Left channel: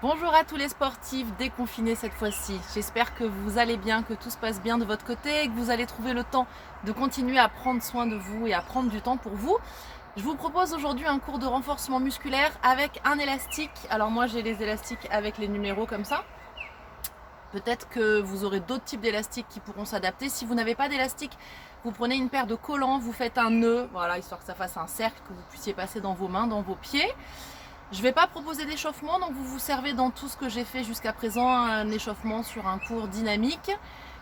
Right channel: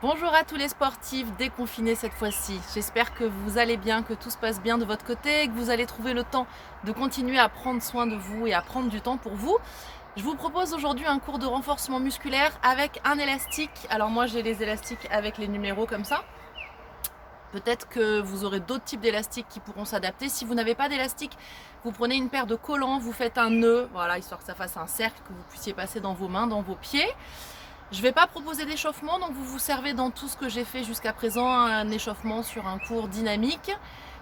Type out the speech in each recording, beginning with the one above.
Bonjour à tous les sportifs déconfinés cette fois-ci. J'espère que vous allez bien, que tout se passe bien de votre côté et que vous allez trouver le temps de continuer à prendre soin de vous et à prendre du temps pour vous. Je vous propose aujourd'hui un cours de renforcement musculaire avec un élastique. Alors moi j'ai les élastiques avec les numéros comme ça. Peut-être que vous aurez d'autres types d'élastiques qui pourront s'adapter. Si vous n'avez pas d'élastique, vous prenez une paire de collants, vous faites un nœud, voilà, histoire que ça fasse un cercle, que vous puissiez passer dans vos mains, dans vos pieds. Je ne vais pas proposer d'échauffement, donc vous vous servez dans tout ce que j'ai fait jusqu'à présent un échauffement sur un cours dynamique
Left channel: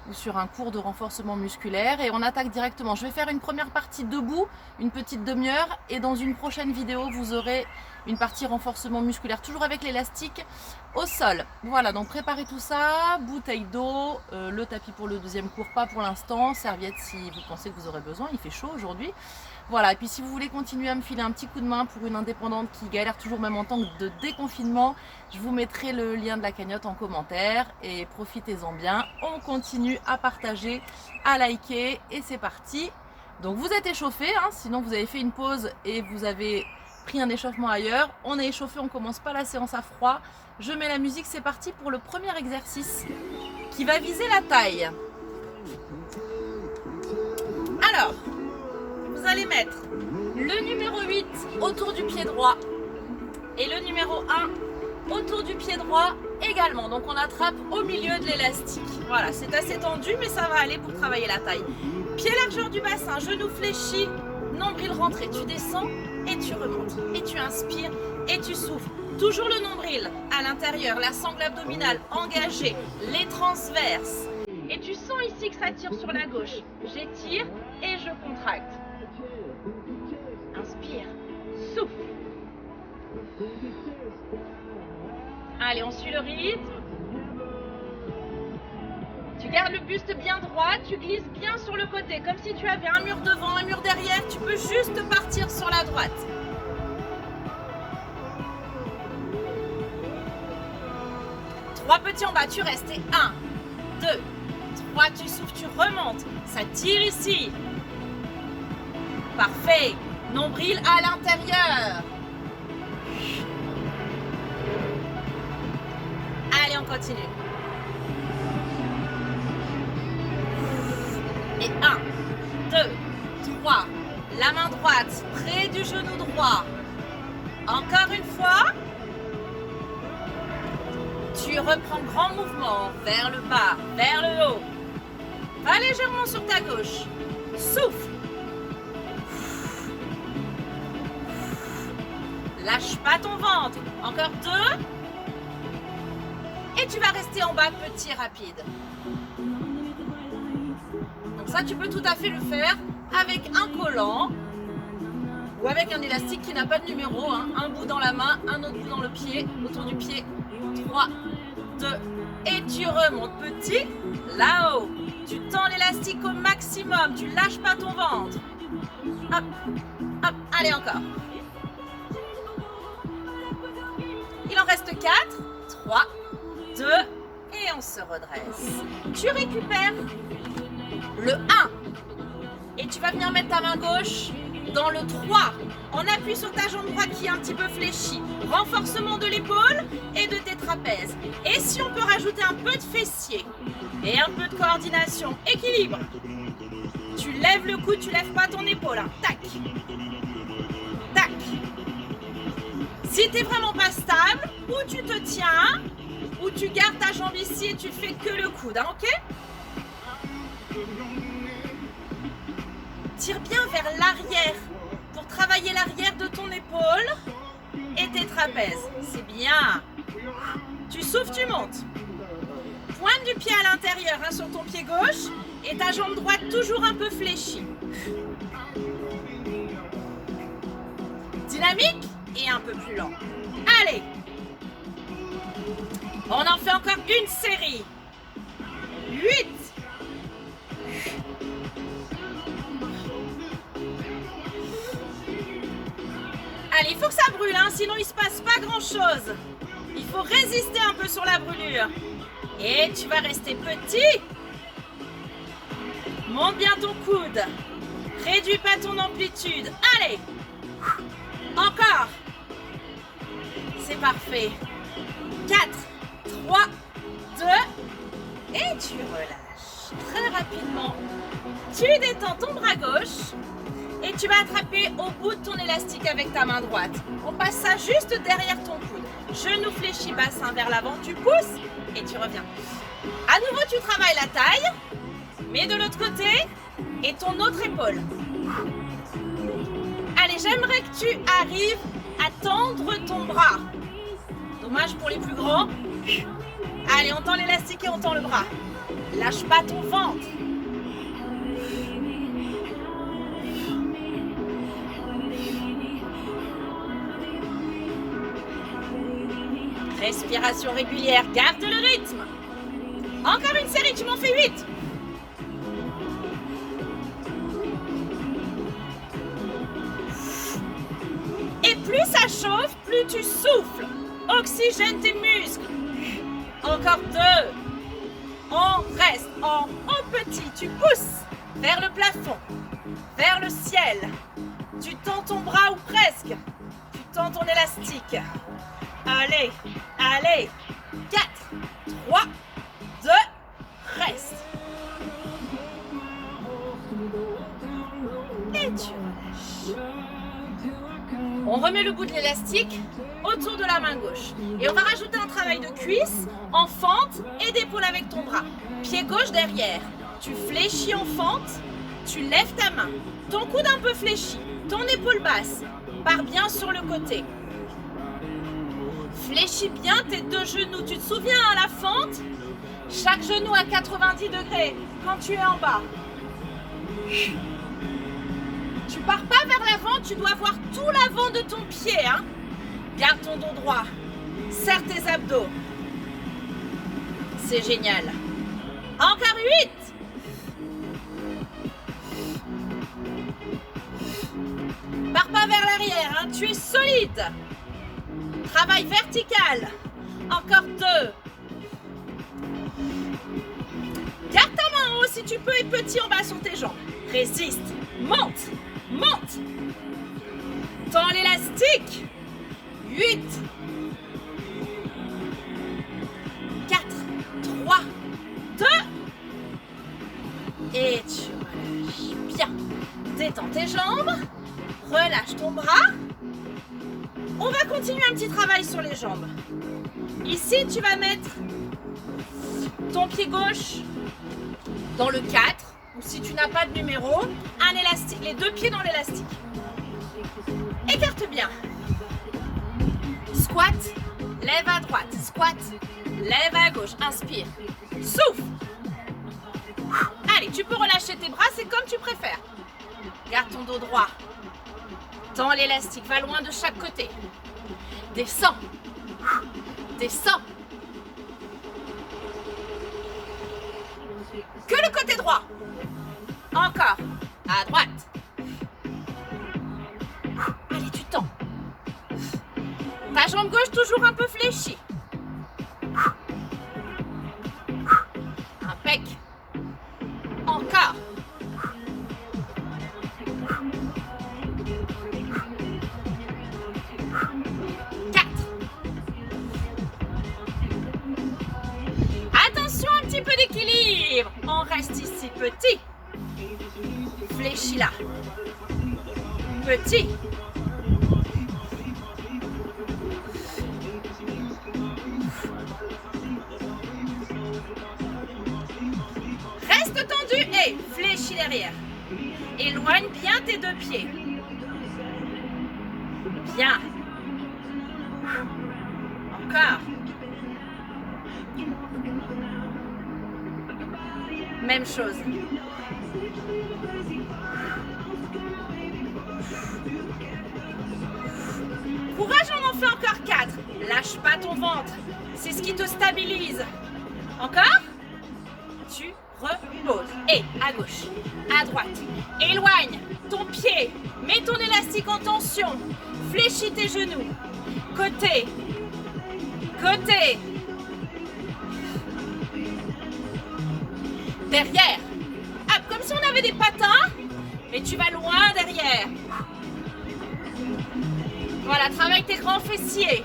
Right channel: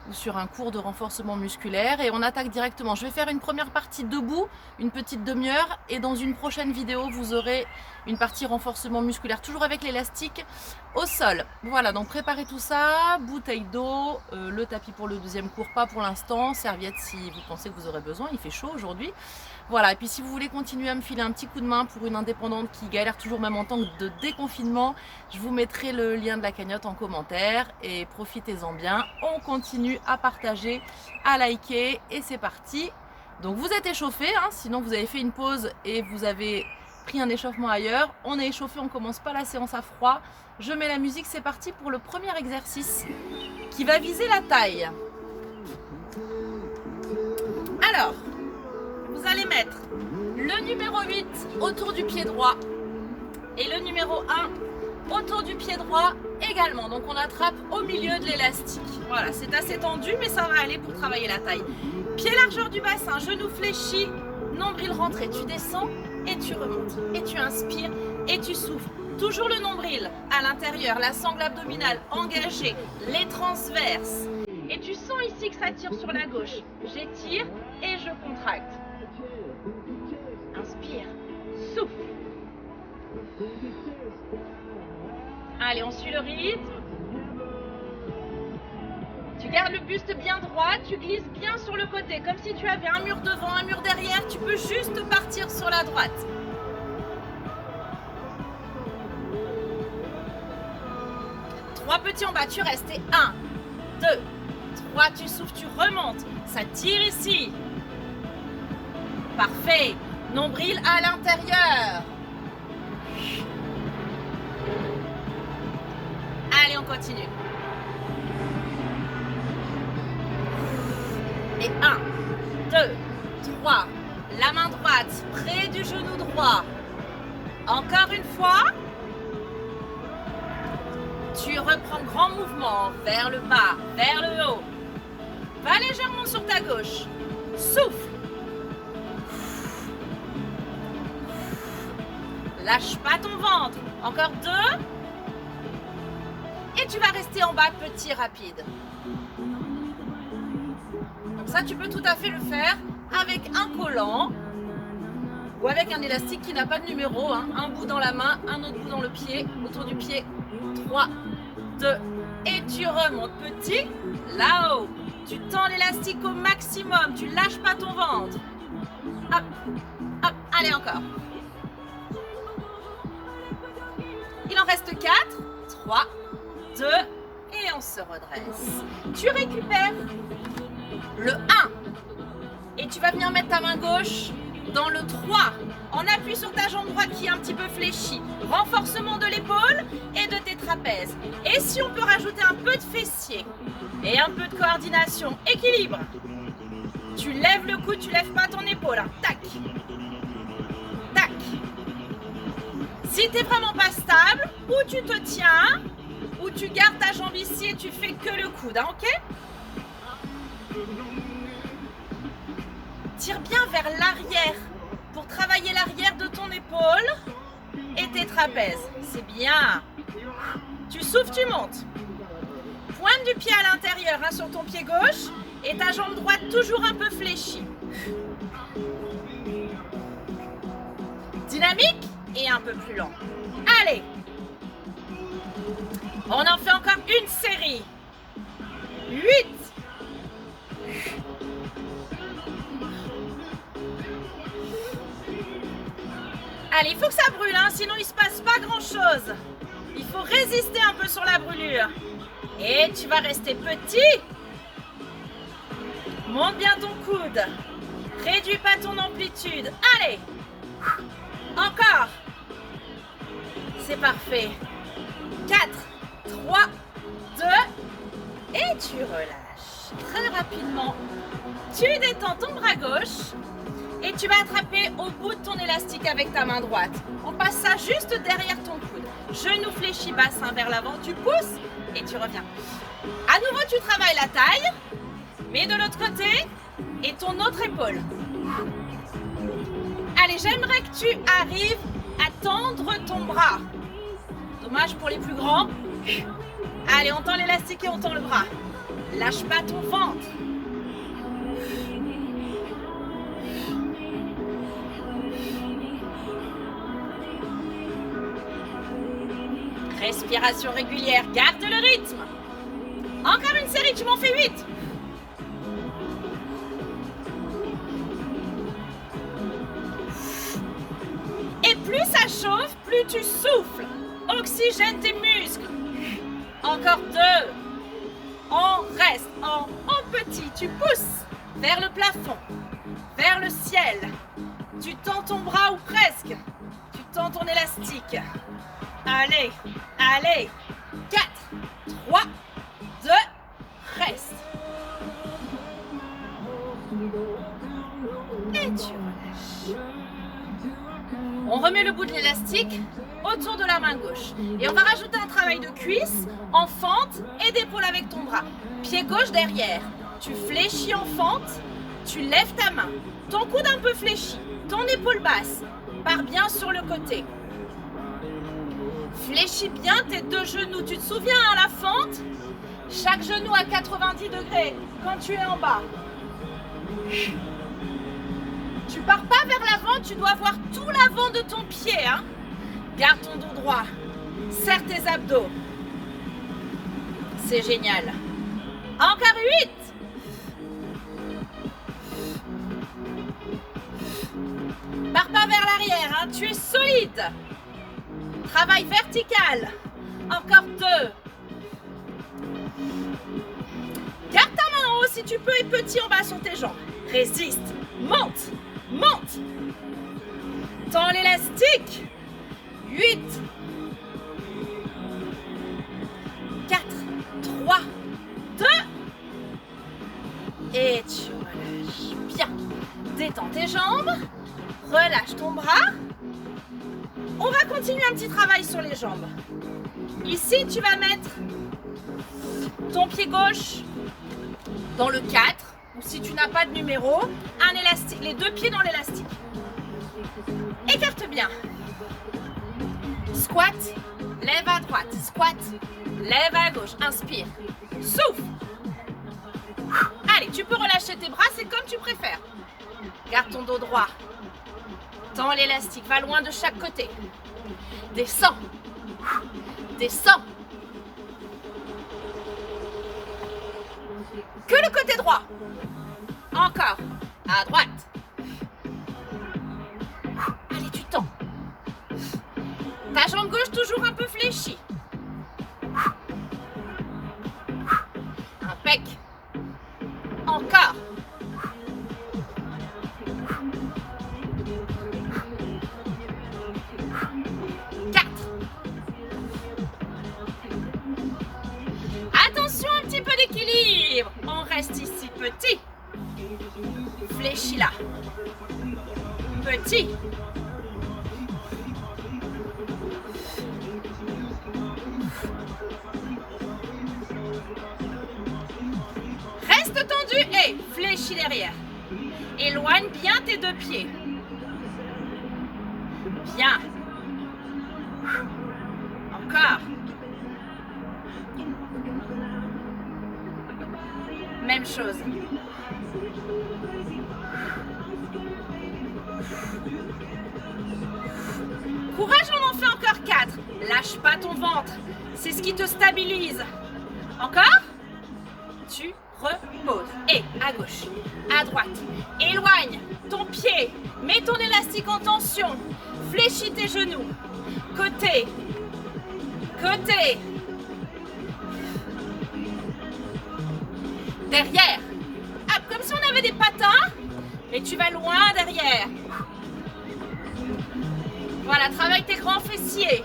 ou sur un cours de renforcement musculaire et on attaque directement. Je vais faire une première partie debout, une petite demi-heure et dans une prochaine vidéo vous aurez une partie renforcement musculaire, toujours avec l'élastique au sol. Voilà, donc préparez tout ça, bouteille d'eau, le tapis pour le deuxième cours, pas pour l'instant, serviette si vous pensez que vous aurez besoin, il fait chaud aujourd'hui. Voilà, et puis si vous voulez continuer à me filer un petit coup de main pour une indépendante qui galère toujours même en temps de déconfinement, je vous mettrai le lien de la cagnotte en commentaire et profitez-en bien. On continue à partager, à liker et c'est parti. Donc vous êtes échauffé, hein, sinon vous avez fait une pause et vous avez pris un échauffement ailleurs. On est échauffé, on commence pas la séance à froid. Je mets la musique, c'est parti pour le premier exercice qui va viser la taille. Alors, vous allez mettre le numéro 8 autour du pied droit et le numéro 1 autour du pied droit également. Donc on attrape au milieu de l'élastique. Voilà, c'est assez tendu mais ça va aller pour travailler la taille. Pied largeur du bassin, genou fléchi, nombril rentré. Tu descends et tu remontes. Et tu inspires et tu souffles. Toujours le nombril à l'intérieur, la sangle abdominale engagée, les transverses. Et tu sens ici que ça tire sur la gauche. J'étire et je contracte. Inspire, souffle. Allez, on suit le rythme. Tu gardes le buste bien droit, tu glisses bien sur le côté, comme si tu avais un mur devant, un mur derrière. Tu peux juste partir sur la droite. Trois petits en bas, tu restes. Et 1, 2, 3, tu souffles, tu remontes. Ça tire ici. Parfait. Nombril à l'intérieur. Allez, on continue. Et 1, 2, 3. La main droite près du genou droit. Encore une fois. Tu reprends grand mouvement vers le bas, vers le haut. Va légèrement sur ta gauche. Souffle. Lâche pas ton ventre. Encore 2. Et tu vas rester en bas petit rapide. Donc ça, tu peux tout à fait le faire avec un collant ou avec un élastique qui n'a pas de numéro. Hein. Un bout dans la main, un autre bout dans le pied, autour du pied. 3, 2. Et tu remontes petit là-haut. Tu tends l'élastique au maximum. Tu lâches pas ton ventre. Hop, hop. Allez, encore. Il en reste 4, 3, 2, et on se redresse. Tu récupères le 1 et tu vas venir mettre ta main gauche dans le 3 en appui sur ta jambe droite qui est un petit peu fléchie. Renforcement de l'épaule et de tes trapèzes. Et si on peut rajouter un peu de fessier et un peu de coordination, équilibre. Tu lèves le coude, tu lèves pas ton épaule. Hein. Tac. Tac. Si tu n'es vraiment pas stable, ou tu te tiens, ou tu gardes ta jambe ici et tu fais que le coude, hein, ok? Tire bien vers l'arrière pour travailler l'arrière de ton épaule et tes trapèzes. C'est bien. Tu souffles, tu montes. Pointe du pied à l'intérieur hein, sur ton pied gauche et ta jambe droite toujours un peu fléchie. Dynamique et un peu plus lent. Allez. On en fait encore une série. 8. Allez, il faut que ça brûle, hein, sinon il ne se passe pas grand-chose. Il faut résister un peu sur la brûlure. Et tu vas rester petit. Monte bien ton coude. Réduis pas ton amplitude. Allez. Encore. C'est parfait. 4, 3, 2, et tu relâches. Très rapidement, tu détends ton bras gauche et tu vas attraper au bout de ton élastique avec ta main droite. On passe ça juste derrière ton coude. Genou fléchi, bassin vers l'avant, tu pousses et tu reviens. À nouveau, tu travailles la taille, mais de l'autre côté et ton autre épaule. Allez, j'aimerais que tu arrives à tendre ton bras. Dommage pour les plus grands. Allez, on tend l'élastique et on tend le bras. Lâche pas ton ventre. Respiration régulière, garde le rythme. Encore une série, tu m'en fais 8. Et plus ça chauffe, plus tu souffles. Oxygène tes muscles. Encore 2. On reste en petit. Tu pousses vers le plafond, vers le ciel. Tu tends ton bras ou presque. Tu tends ton élastique. Allez, allez. 4, 3, 2, reste. Et tu relâches. On remet le bout de l'élastique autour de la main gauche. Et on va rajouter un travail de cuisse, en fente et d'épaule avec ton bras. Pied gauche derrière. Tu fléchis en fente, tu lèves ta main. Ton coude un peu fléchi, ton épaule basse. Pars bien sur le côté. Fléchis bien tes deux genoux. Tu te souviens, hein, la fente? Chaque genou à 90 degrés quand tu es en bas. Tu pars pas vers l'avant, tu dois voir tout l'avant de ton pied. Hein. Garde ton dos droit. Serre tes abdos. C'est génial. Encore 8. Pars pas vers l'arrière, hein. Tu es solide. Travail vertical. Encore 2. Garde ta main en haut si tu peux et petit en bas sur tes jambes. Résiste. Monte. Monte. Tends l'élastique. 8. 4, 3, 2. Et tu relâches. Bien. Détends tes jambes. Relâche ton bras. On va continuer un petit travail sur les jambes. Ici, tu vas mettre ton pied gauche dans le 4. Ou si tu n'as pas de numéro, un élastique, les deux pieds dans l'élastique. Écarte bien. Squat, lève à droite. Squat, lève à gauche. Inspire. Souffle. Allez, tu peux relâcher tes bras, c'est comme tu préfères. Garde ton dos droit. Tends l'élastique, va loin de chaque côté. Descends. Descends. Que le côté droit. Encore. À droite. Allez, tu tends. Ta jambe gauche toujours un peu fléchie. Impec. Encore. Attention, un petit peu d'équilibre. On reste ici petit. Fléchis là. Petit. Reste tendu et fléchis derrière. Éloigne bien tes deux pieds. Bien. Encore. Même chose. Courage, on en fait encore 4. Lâche pas ton ventre. C'est ce qui te stabilise. Encore. Tu reposes. Et à gauche, à droite. Éloigne ton pied. Mets ton élastique en tension. Fléchis tes genoux. Côté. Côté. Derrière. Hop, comme si on avait des patins. Et tu vas loin derrière. Voilà, travaille tes grands fessiers.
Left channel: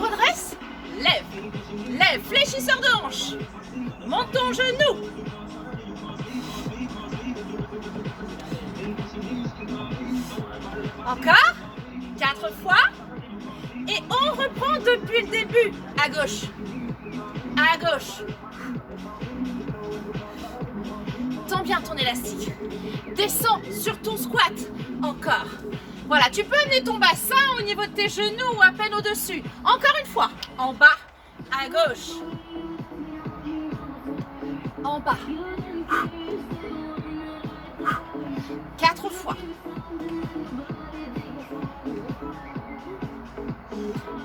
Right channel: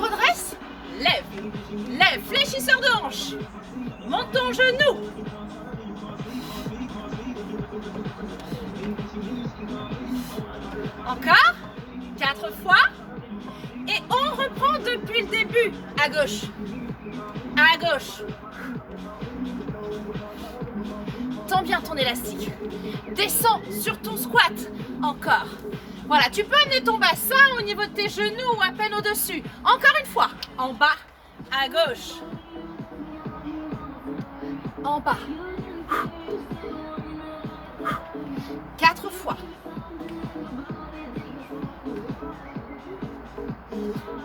redresses. Lève. Lève. Fléchisseur de hanche. Monte ton genou. Encore. 4 fois. Et on reprend depuis le début. À gauche. À gauche. Tends bien ton élastique. Descends sur ton squat. Encore. Voilà, tu peux amener ton bassin au niveau de tes genoux ou à peine au-dessus. Encore une fois. En bas. À gauche. En bas. 4 fois.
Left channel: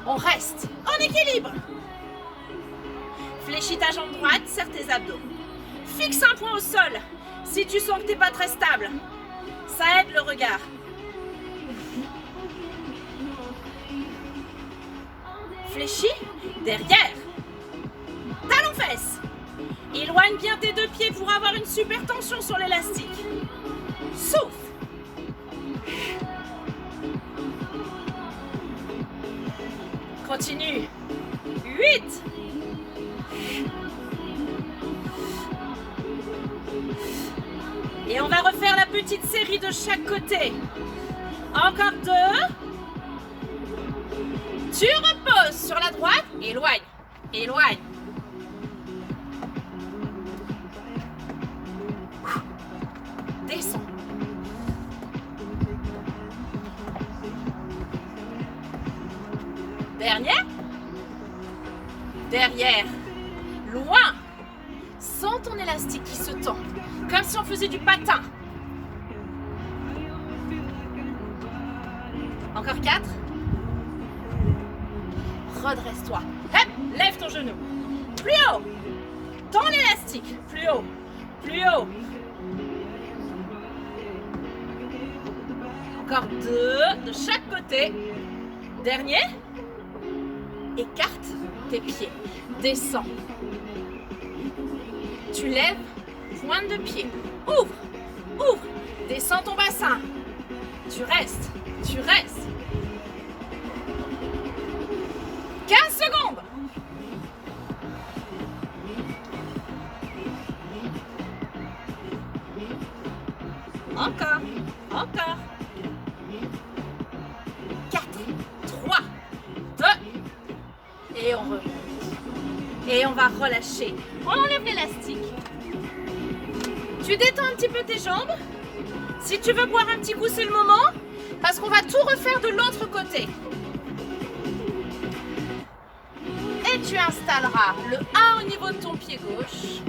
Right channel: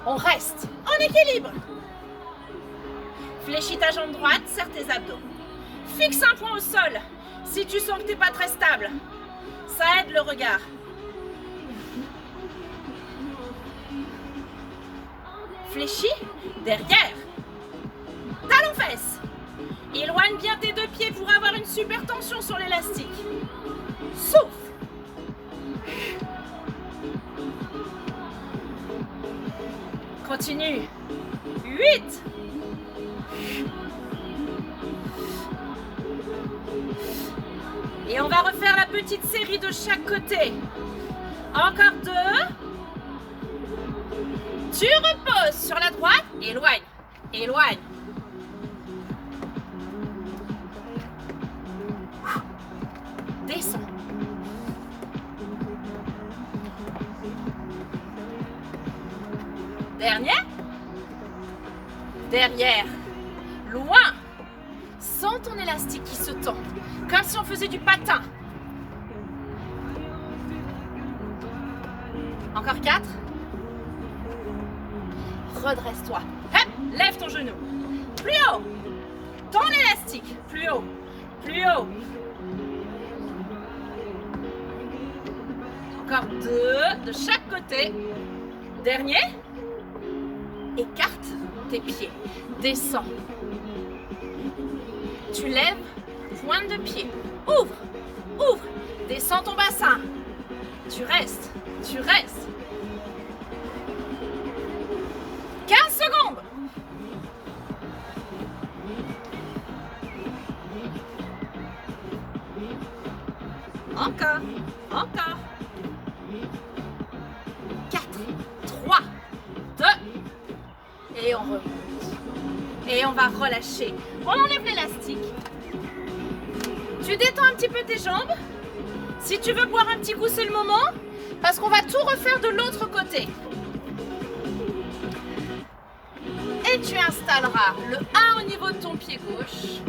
On reste. En équilibre. Fléchis ta jambe droite, serre tes abdos. Fixe un point au sol si tu sens que tu n'es pas très stable. Ça aide le regard. Fléchis derrière. Talons fesses. Éloigne bien tes deux pieds pour avoir une super tension sur l'élastique. Souffle. Continue. 8. Et on va refaire la petite série de chaque côté. Encore 2. Tu reposes sur la droite. Éloigne. Éloigne. Descends. Dernier. Derrière. Loin. Sens ton élastique qui se tend, comme si on faisait du patin. Encore 4. Redresse-toi. Hop, lève ton genou. Plus haut. Tends l'élastique. Plus haut. Plus haut. Encore 2 de chaque côté. Dernier. Écarte tes pieds. Descends. Tu lèves, pointe de pied. Ouvre, ouvre. Descends ton bassin. Tu restes, tu restes. 15 secondes. Encore, encore. 4, 3, 2. Et on remonte. Et on va relâcher. On enlève l'élastique. Tu détends un petit peu tes jambes. Si tu veux boire un petit coup, c'est le moment. Parce qu'on va tout refaire de l'autre côté. Et tu installeras le 1 au niveau de ton pied gauche.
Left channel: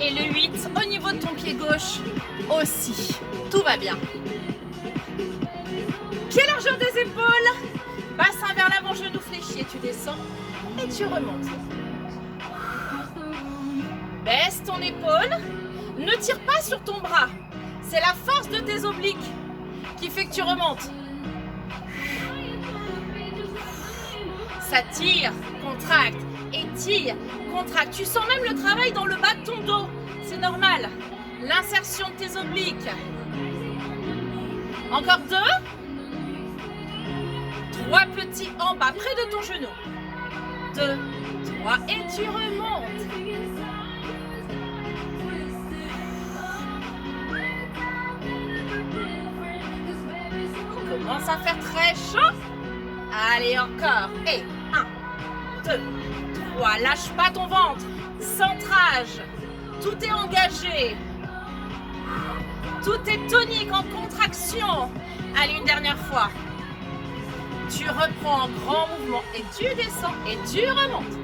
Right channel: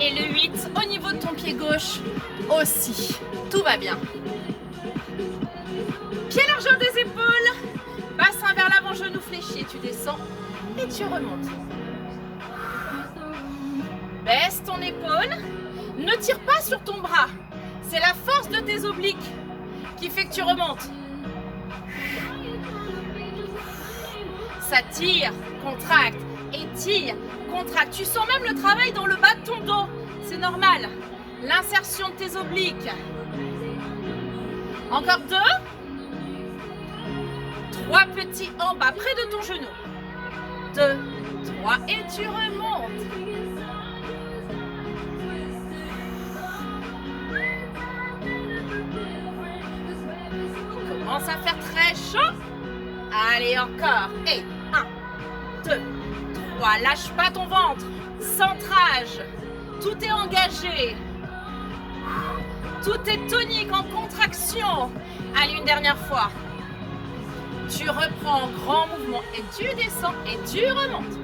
Et le 8 au niveau de ton pied gauche aussi. Tout va bien. Pied largeur des épaules. Bassin vers l'avant, genou fléchi. Et tu descends. Et tu remontes. Baisse ton épaule. Ne tire pas sur ton bras. C'est la force de tes obliques qui fait que tu remontes. Ça tire, contracte, étire, contracte. Tu sens même le travail dans le bas de ton dos. C'est normal. L'insertion de tes obliques. Encore 2. 3 petits en bas, près de ton genou. 2, 3 et tu remontes. Il commence à faire très chaud. Allez, encore. Et 1, 2, 3. Lâche pas ton ventre. Centrage. Tout est engagé. Tout est tonique, en contraction. Allez, une dernière fois. Tu reprends en grand mouvement et tu descends et tu remontes.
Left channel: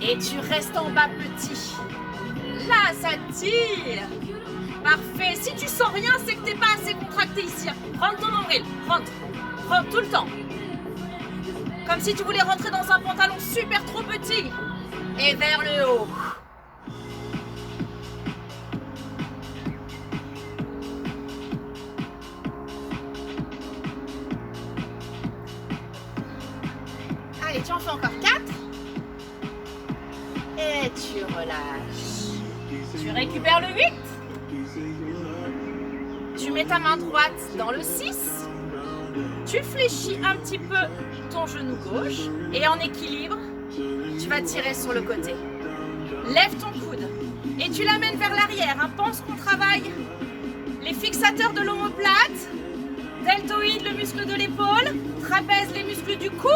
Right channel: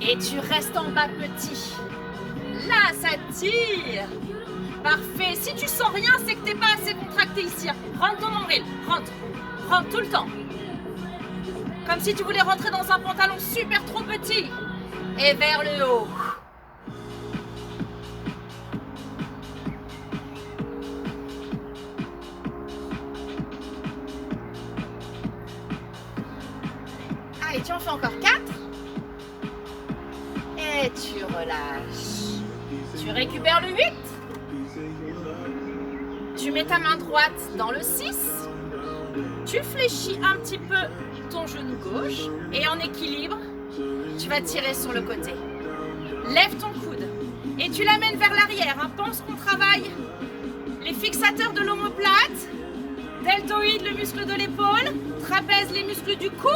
Et tu restes en bas petit. Là, ça tire. Parfait. Si tu sens rien, c'est que tu n'es pas assez contracté ici. Rentre ton nombril. Rentre. Rentre tout le temps. Comme si tu voulais rentrer dans un pantalon super trop petit. Et vers le haut. Allez, tu en fais encore 4. Et tu relâches. Tu récupères le 8. Tu mets ta main droite dans le 6. Tu fléchis un petit peu ton genou gauche et en équilibre, tu vas tirer sur le côté. Lève ton coude et tu l'amènes vers l'arrière. Pense qu'on travaille les fixateurs de l'omoplate, deltoïde, le muscle de l'épaule, trapèze, les muscles du cou.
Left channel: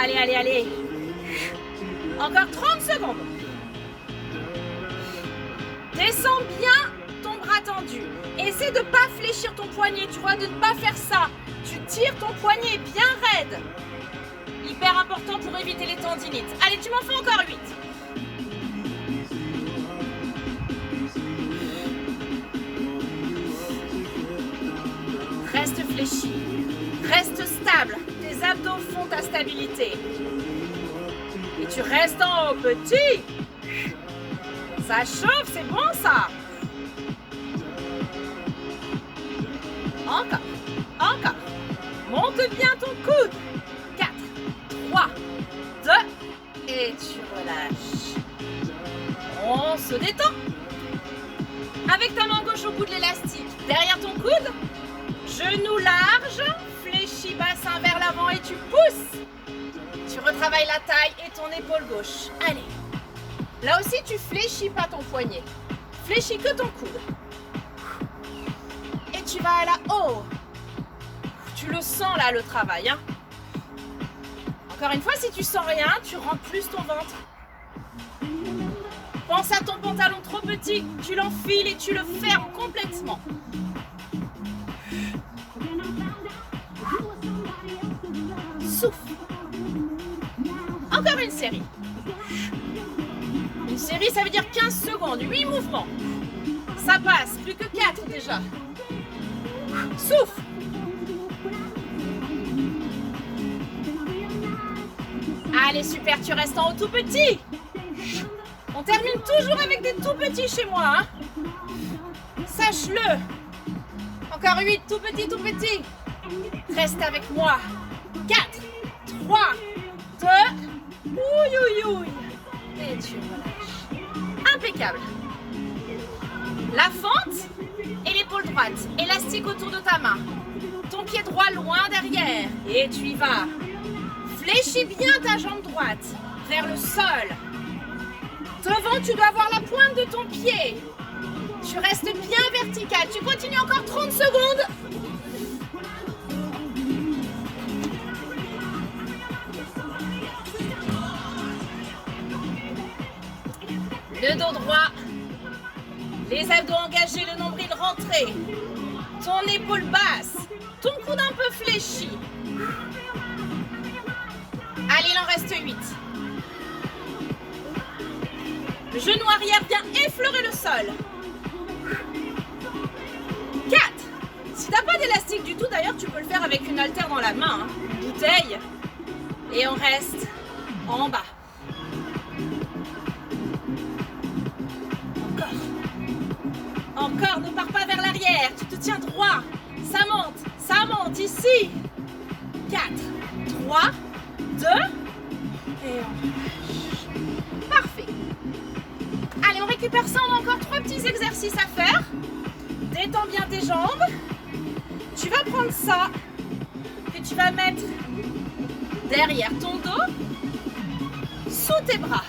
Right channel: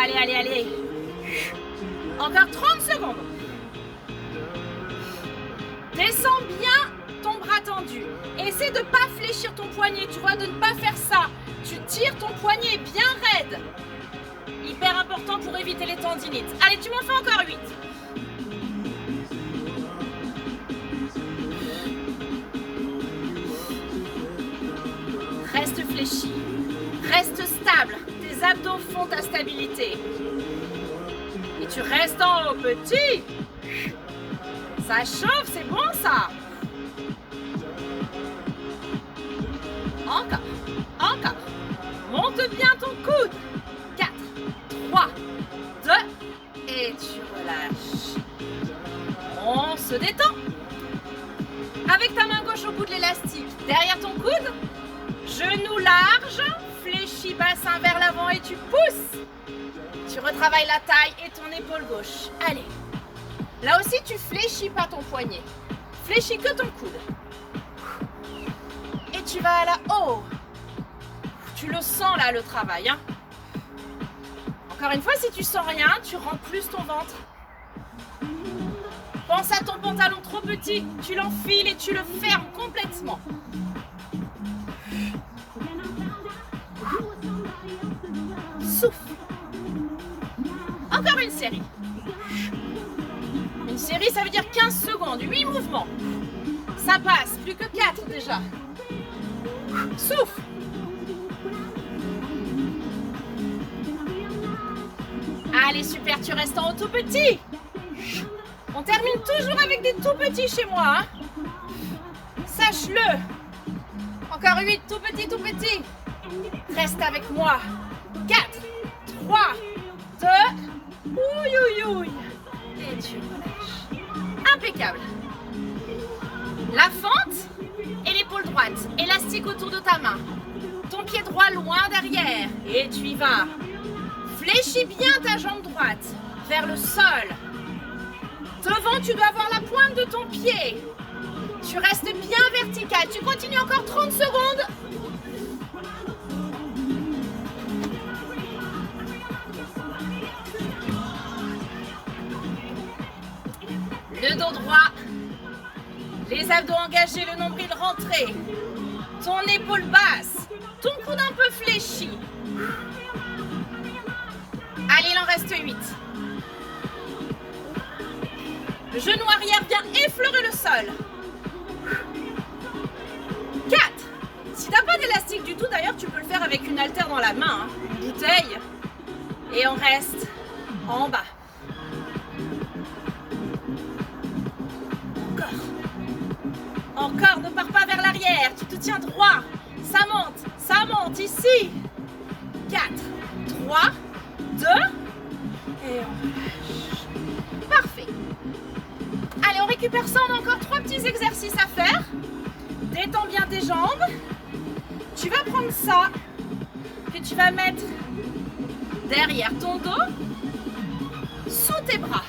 Allez, allez, allez. Encore 30 secondes. Descends bien ton bras tendu. Essaie de ne pas fléchir ton poignet, tu vois, de ne pas faire ça. Tu tires ton poignet bien raide. Hyper important pour éviter les tendinites. Allez, tu m'en fais encore 8. Reste fléchi. Reste stable. Tes abdos font ta stabilité. Et tu restes en haut, petit. Ça chauffe, c'est bon ça. Encore, encore. Monte bien ton coude. 4, 3, 2, et tu relâches. On se détend. Avec ta main gauche au bout de l'élastique, derrière ton coude, genou large, fléchis bassin vers l'avant et tu pousses. Tu retravailles la taille et ton épaule gauche. Allez. Là aussi, tu fléchis pas ton poignet. Fléchis que ton coude. Et tu vas là-haut. Tu le sens là, le travail. Hein. Encore une fois, si tu sens rien, tu rends plus ton ventre. Pense à ton pantalon trop petit. Tu l'enfiles et tu le fermes complètement. Souffle. Encore une série. Une série, ça veut dire 15 secondes, 8 mouvements. Ça passe, plus que 4 déjà. Souffle. Allez, super, tu restes en haut tout petit. On termine toujours avec des tout petits chez moi. Hein. Sache-le. Encore 8, tout petit, tout petit. Reste avec moi. 4, 3, 2, ouille, ouille, ouille. Et tu relâches. Impeccable. La fente et l'épaule droite. Élastique autour de ta main. Ton pied droit loin derrière. Et tu y vas. Fléchis bien ta jambe droite vers le sol. Devant, tu dois avoir la pointe de ton pied. Tu restes bien vertical. Tu continues encore 30 secondes. Le dos droit, les abdos engagés, le nombril rentré, ton épaule basse, ton coude un peu fléchi. Allez, il en reste 8. Le genou arrière vient effleurer le sol. 4. Si tu n'as pas d'élastique du tout, d'ailleurs, tu peux le faire avec une haltère dans la main, hein, une bouteille. Et on reste en bas. Encore, ne pars pas vers l'arrière, tu te tiens droit. Ça monte, ici. 4, 3, 2, et on relâche. Parfait. Allez, on récupère ça, on a encore 3 petits exercices à faire. Détends bien tes jambes. Tu vas prendre ça, que tu vas mettre derrière ton dos, sous tes bras.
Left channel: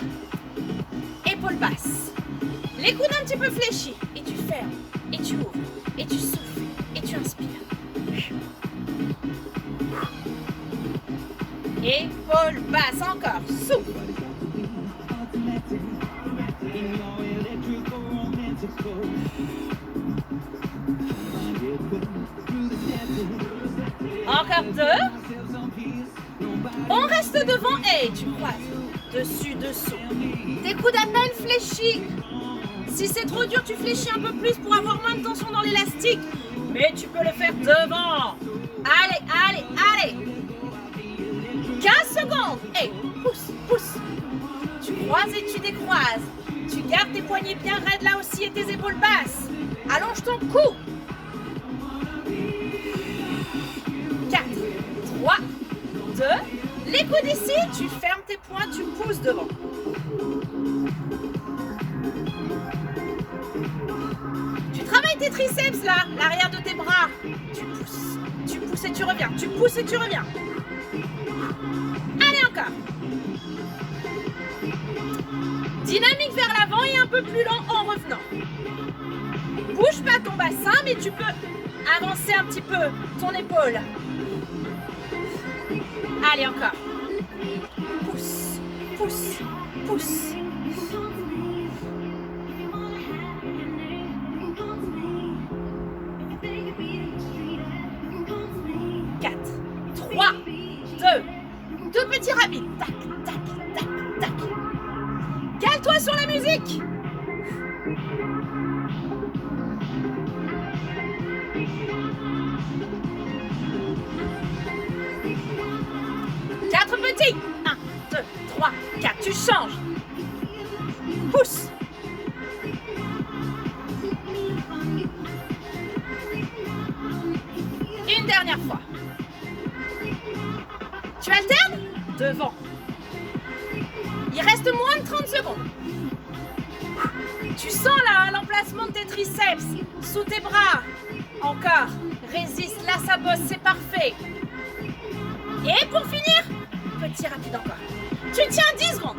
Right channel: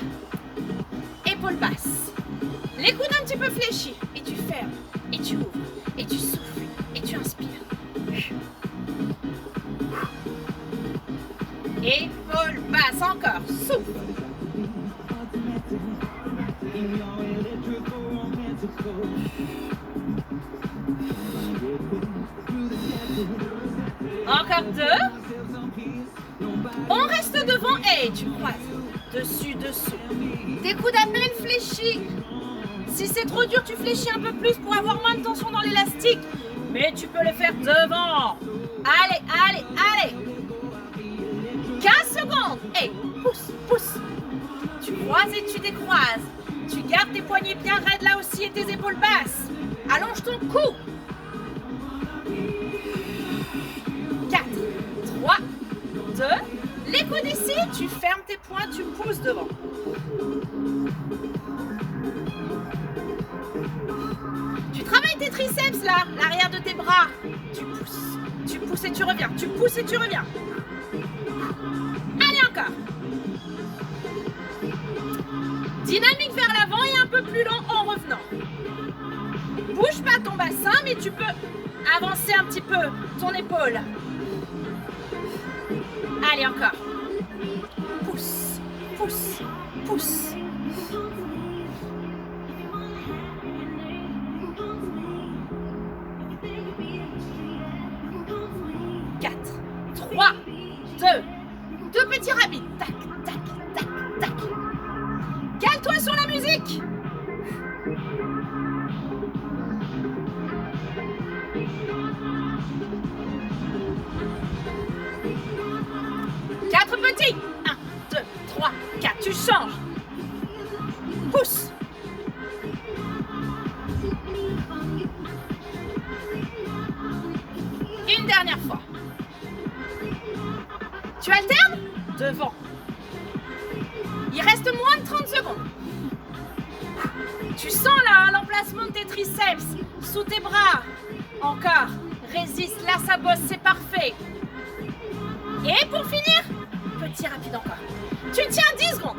Épaule basse. Les coudes un petit peu fléchis. Et tu fermes. Et tu ouvres. Et tu souffles. Et tu inspires. Épaule basse. Encore. Souffle. Encore 2. On reste devant et tu croises. Dessus, dessous. Tes coudes à peine fléchis. Si c'est trop dur, tu fléchis un peu plus pour avoir moins de tension dans l'élastique. Mais tu peux le faire devant. Allez, allez, allez. 15 secondes. Et pousse, pousse. Tu croises et tu décroises. Tu gardes tes poignets bien raides là aussi et tes épaules basses. Allonge ton cou. 4, 3, 2. Les coudes ici, tu fermes tes poings, tu pousses devant. Tu travailles tes triceps là, l'arrière de tes bras. Tu pousses et tu reviens, tu pousses et tu reviens. Allez encore. Dynamique vers l'avant et un peu plus lent en revenant. Bouge pas ton bassin, mais tu peux avancer un petit peu ton épaule. Allez encore. Pousse, pousse, pousse. 4, 3, 2 petits rabbits. Tac, tac, tac, tac. Cale-toi sur la musique. Quatre petits. 1, 2, 3, 4. Tu changes. Pousse. Une dernière fois. Tu alternes. Devant. Il reste moins de 30 secondes. Tu sens là l'emplacement de tes triceps sous tes bras. Encore. Résiste. Là, ça bosse. C'est parfait. Et pour finir, petit rapide encore. Tu tiens 10 secondes.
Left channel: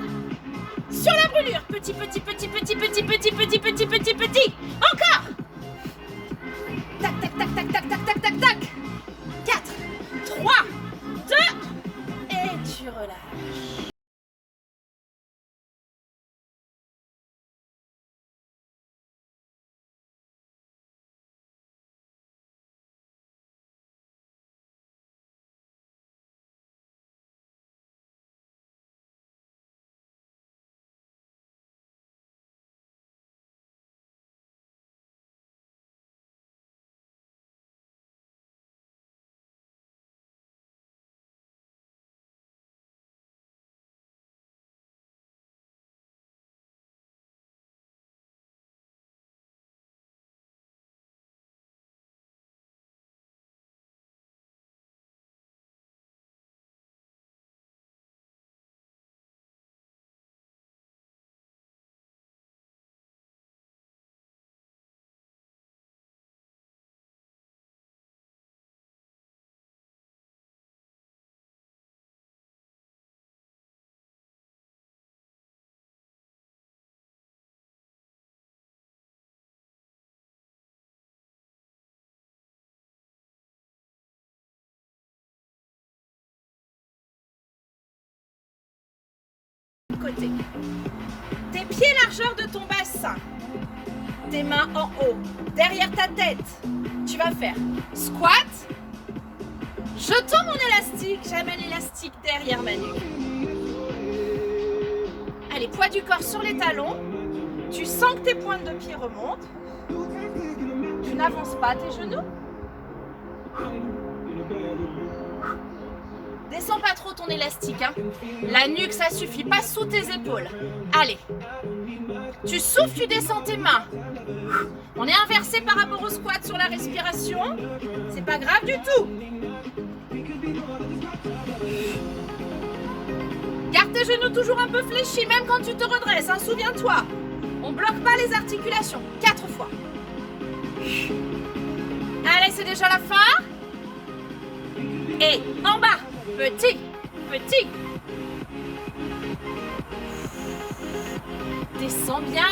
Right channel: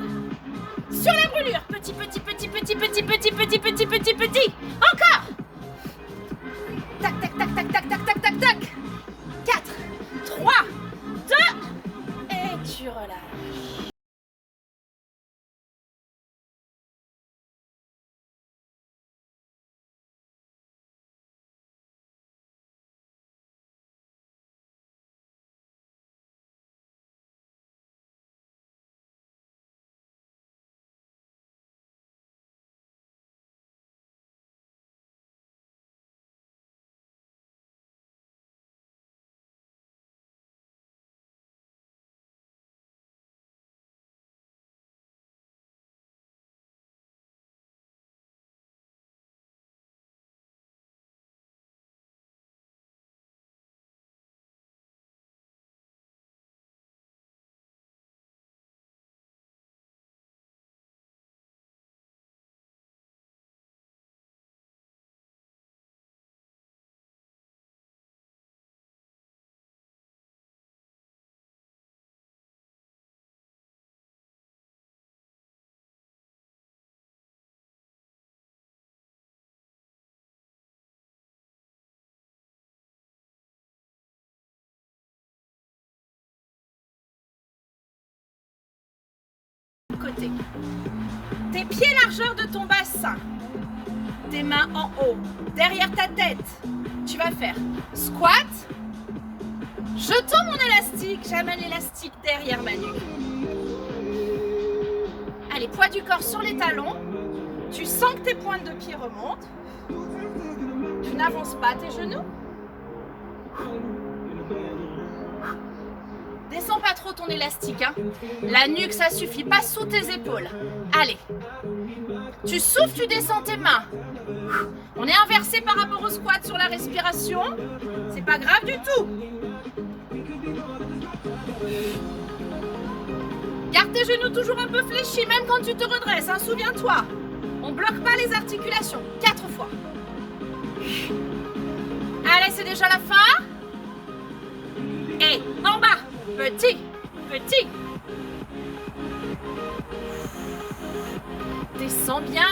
Sur la brûlure. Petit, petit, petit, petit, petit, petit, petit, petit, petit, petit. Encore. Tac, tac, tac, tac, tac, tac, tac, tac, tac. 4, 3, 2. Et tu relâches. Côté. Tes pieds largeur de ton bassin. Tes mains en haut, derrière ta tête. Tu vas faire squat. Je tends mon élastique, j'amène l'élastique derrière ma nuque. Allez, poids du corps sur les talons. Tu sens que tes pointes de pied remontent. Tu n'avances pas tes genoux. Descends pas trop ton élastique, hein. La nuque, ça suffit, pas sous tes épaules. Allez. Tu souffles, tu descends tes mains. On est inversé par rapport au squat sur la respiration. C'est pas grave du tout. Garde tes genoux toujours un peu fléchis, même quand tu te redresses, hein, souviens-toi. On bloque pas les articulations. 4 fois. Allez, c'est déjà la fin. Et en bas. Petit, petit. Descends bien.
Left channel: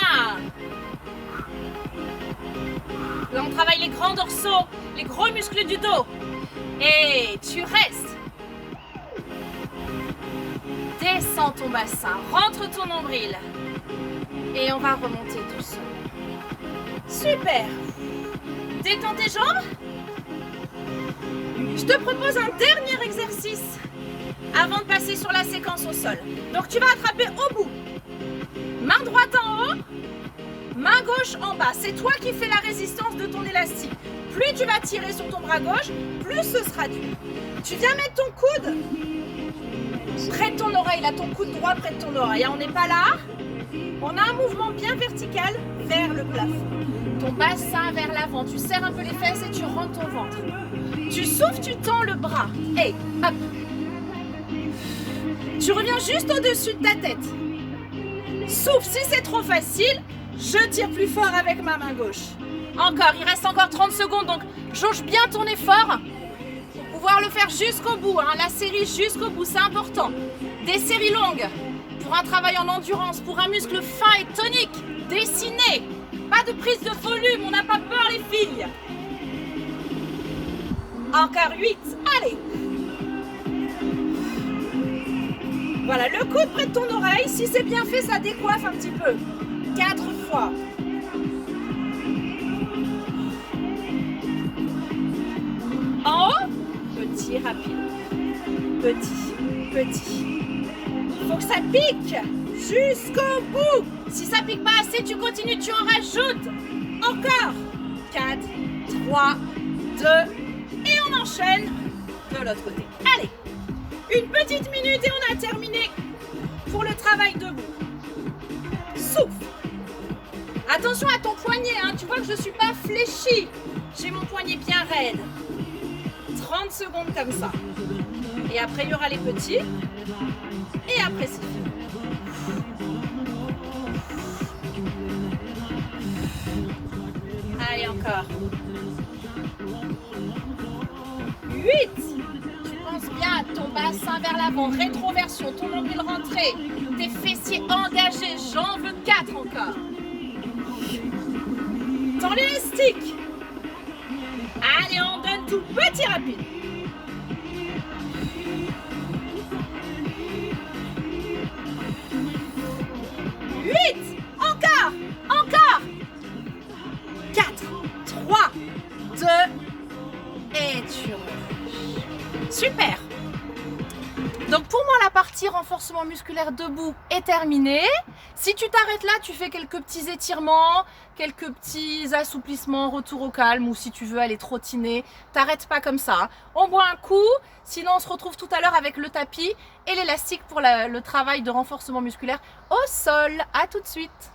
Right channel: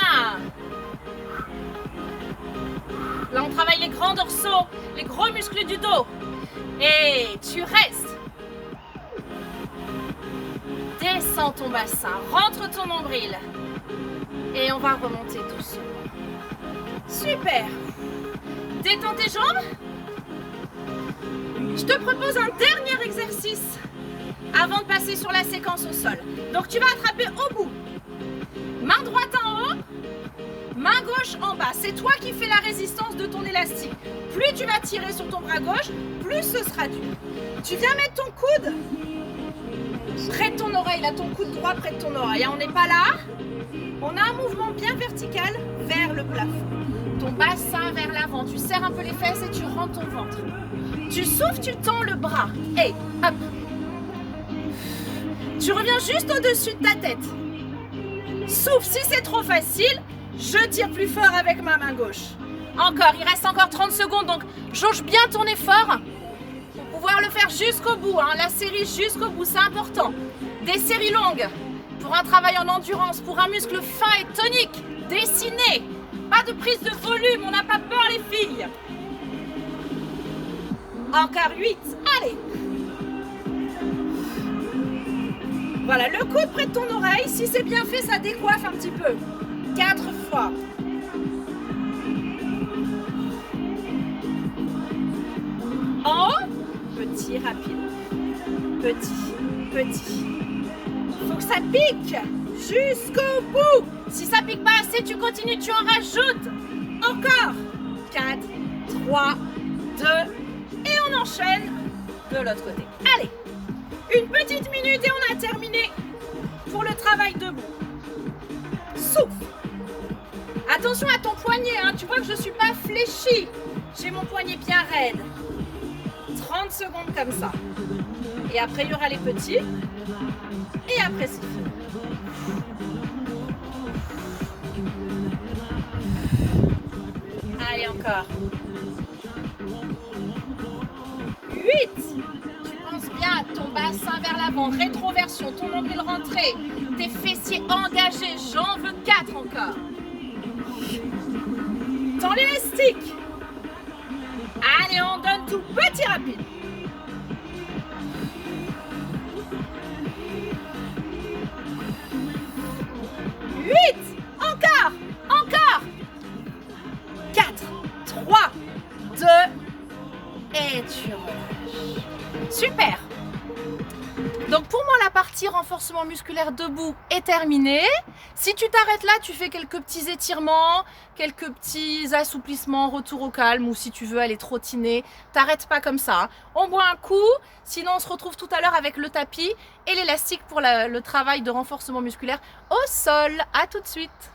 Là, on travaille les grands dorsaux, les gros muscles du dos. Et tu restes. Descends ton bassin, rentre ton nombril. Et on va remonter doucement. Super. Détends tes jambes. Je te propose un dernier exercice avant de passer sur la séquence au sol. Donc tu vas attraper au bout. Main droite en haut, main gauche en bas. C'est toi qui fais la résistance de ton élastique. Plus tu vas tirer sur ton bras gauche, plus ce sera dur. Tu viens mettre ton coude près de ton oreille, là, ton coude droit près de ton oreille. On n'est pas là. On a un mouvement bien vertical vers le plafond. Ton bassin vers l'avant. Tu serres un peu les fesses et tu rentres ton ventre. Tu souffles, tu tends le bras. Et hop. Tu reviens juste au-dessus de ta tête. Souffle, si c'est trop facile, je tire plus fort avec ma main gauche. Encore, il reste encore 30 secondes, donc jauge bien ton effort pour pouvoir le faire jusqu'au bout, hein, la série jusqu'au bout, c'est important. Des séries longues, pour un travail en endurance, pour un muscle fin et tonique, dessiné. Pas de prise de volume, on n'a pas peur les filles. Encore 8, allez. Voilà, le coude près de ton oreille, si c'est bien fait, ça décoiffe un petit peu. 4 fois. En haut, petit, rapide. Petit, petit. Il faut que ça pique jusqu'au bout. Si ça pique pas assez, tu continues, tu en rajoutes. Encore. 4, 3, 2, et on enchaîne de l'autre côté. Allez, une petite minute et on a terminé pour le travail debout. Souffle. Attention à ton poignet, hein. Tu vois que je ne suis pas fléchie. J'ai mon poignet bien raide. 30 secondes comme ça. Et après, il y aura les petits. Et après, c'est fini. Allez, encore. 8. Tu penses bien à ton bassin vers l'avant, rétroversion, ton nombril rentré, tes fessiers engagés, j'en veux 4 encore. Tends l'élastique. Allez, on donne tout, petit rapide. Encore, encore. 4, 3, 2, et tu relâches. Super. Donc pour moi, la partie renforcement musculaire debout est terminée. Si tu t'arrêtes là, tu fais quelques petits étirements, quelques petits assouplissements, retour au calme, ou si tu veux aller trottiner, t'arrêtes pas comme ça. On boit un coup, sinon on se retrouve tout à l'heure avec le tapis et l'élastique pour le travail de renforcement musculaire au sol. À tout de suite.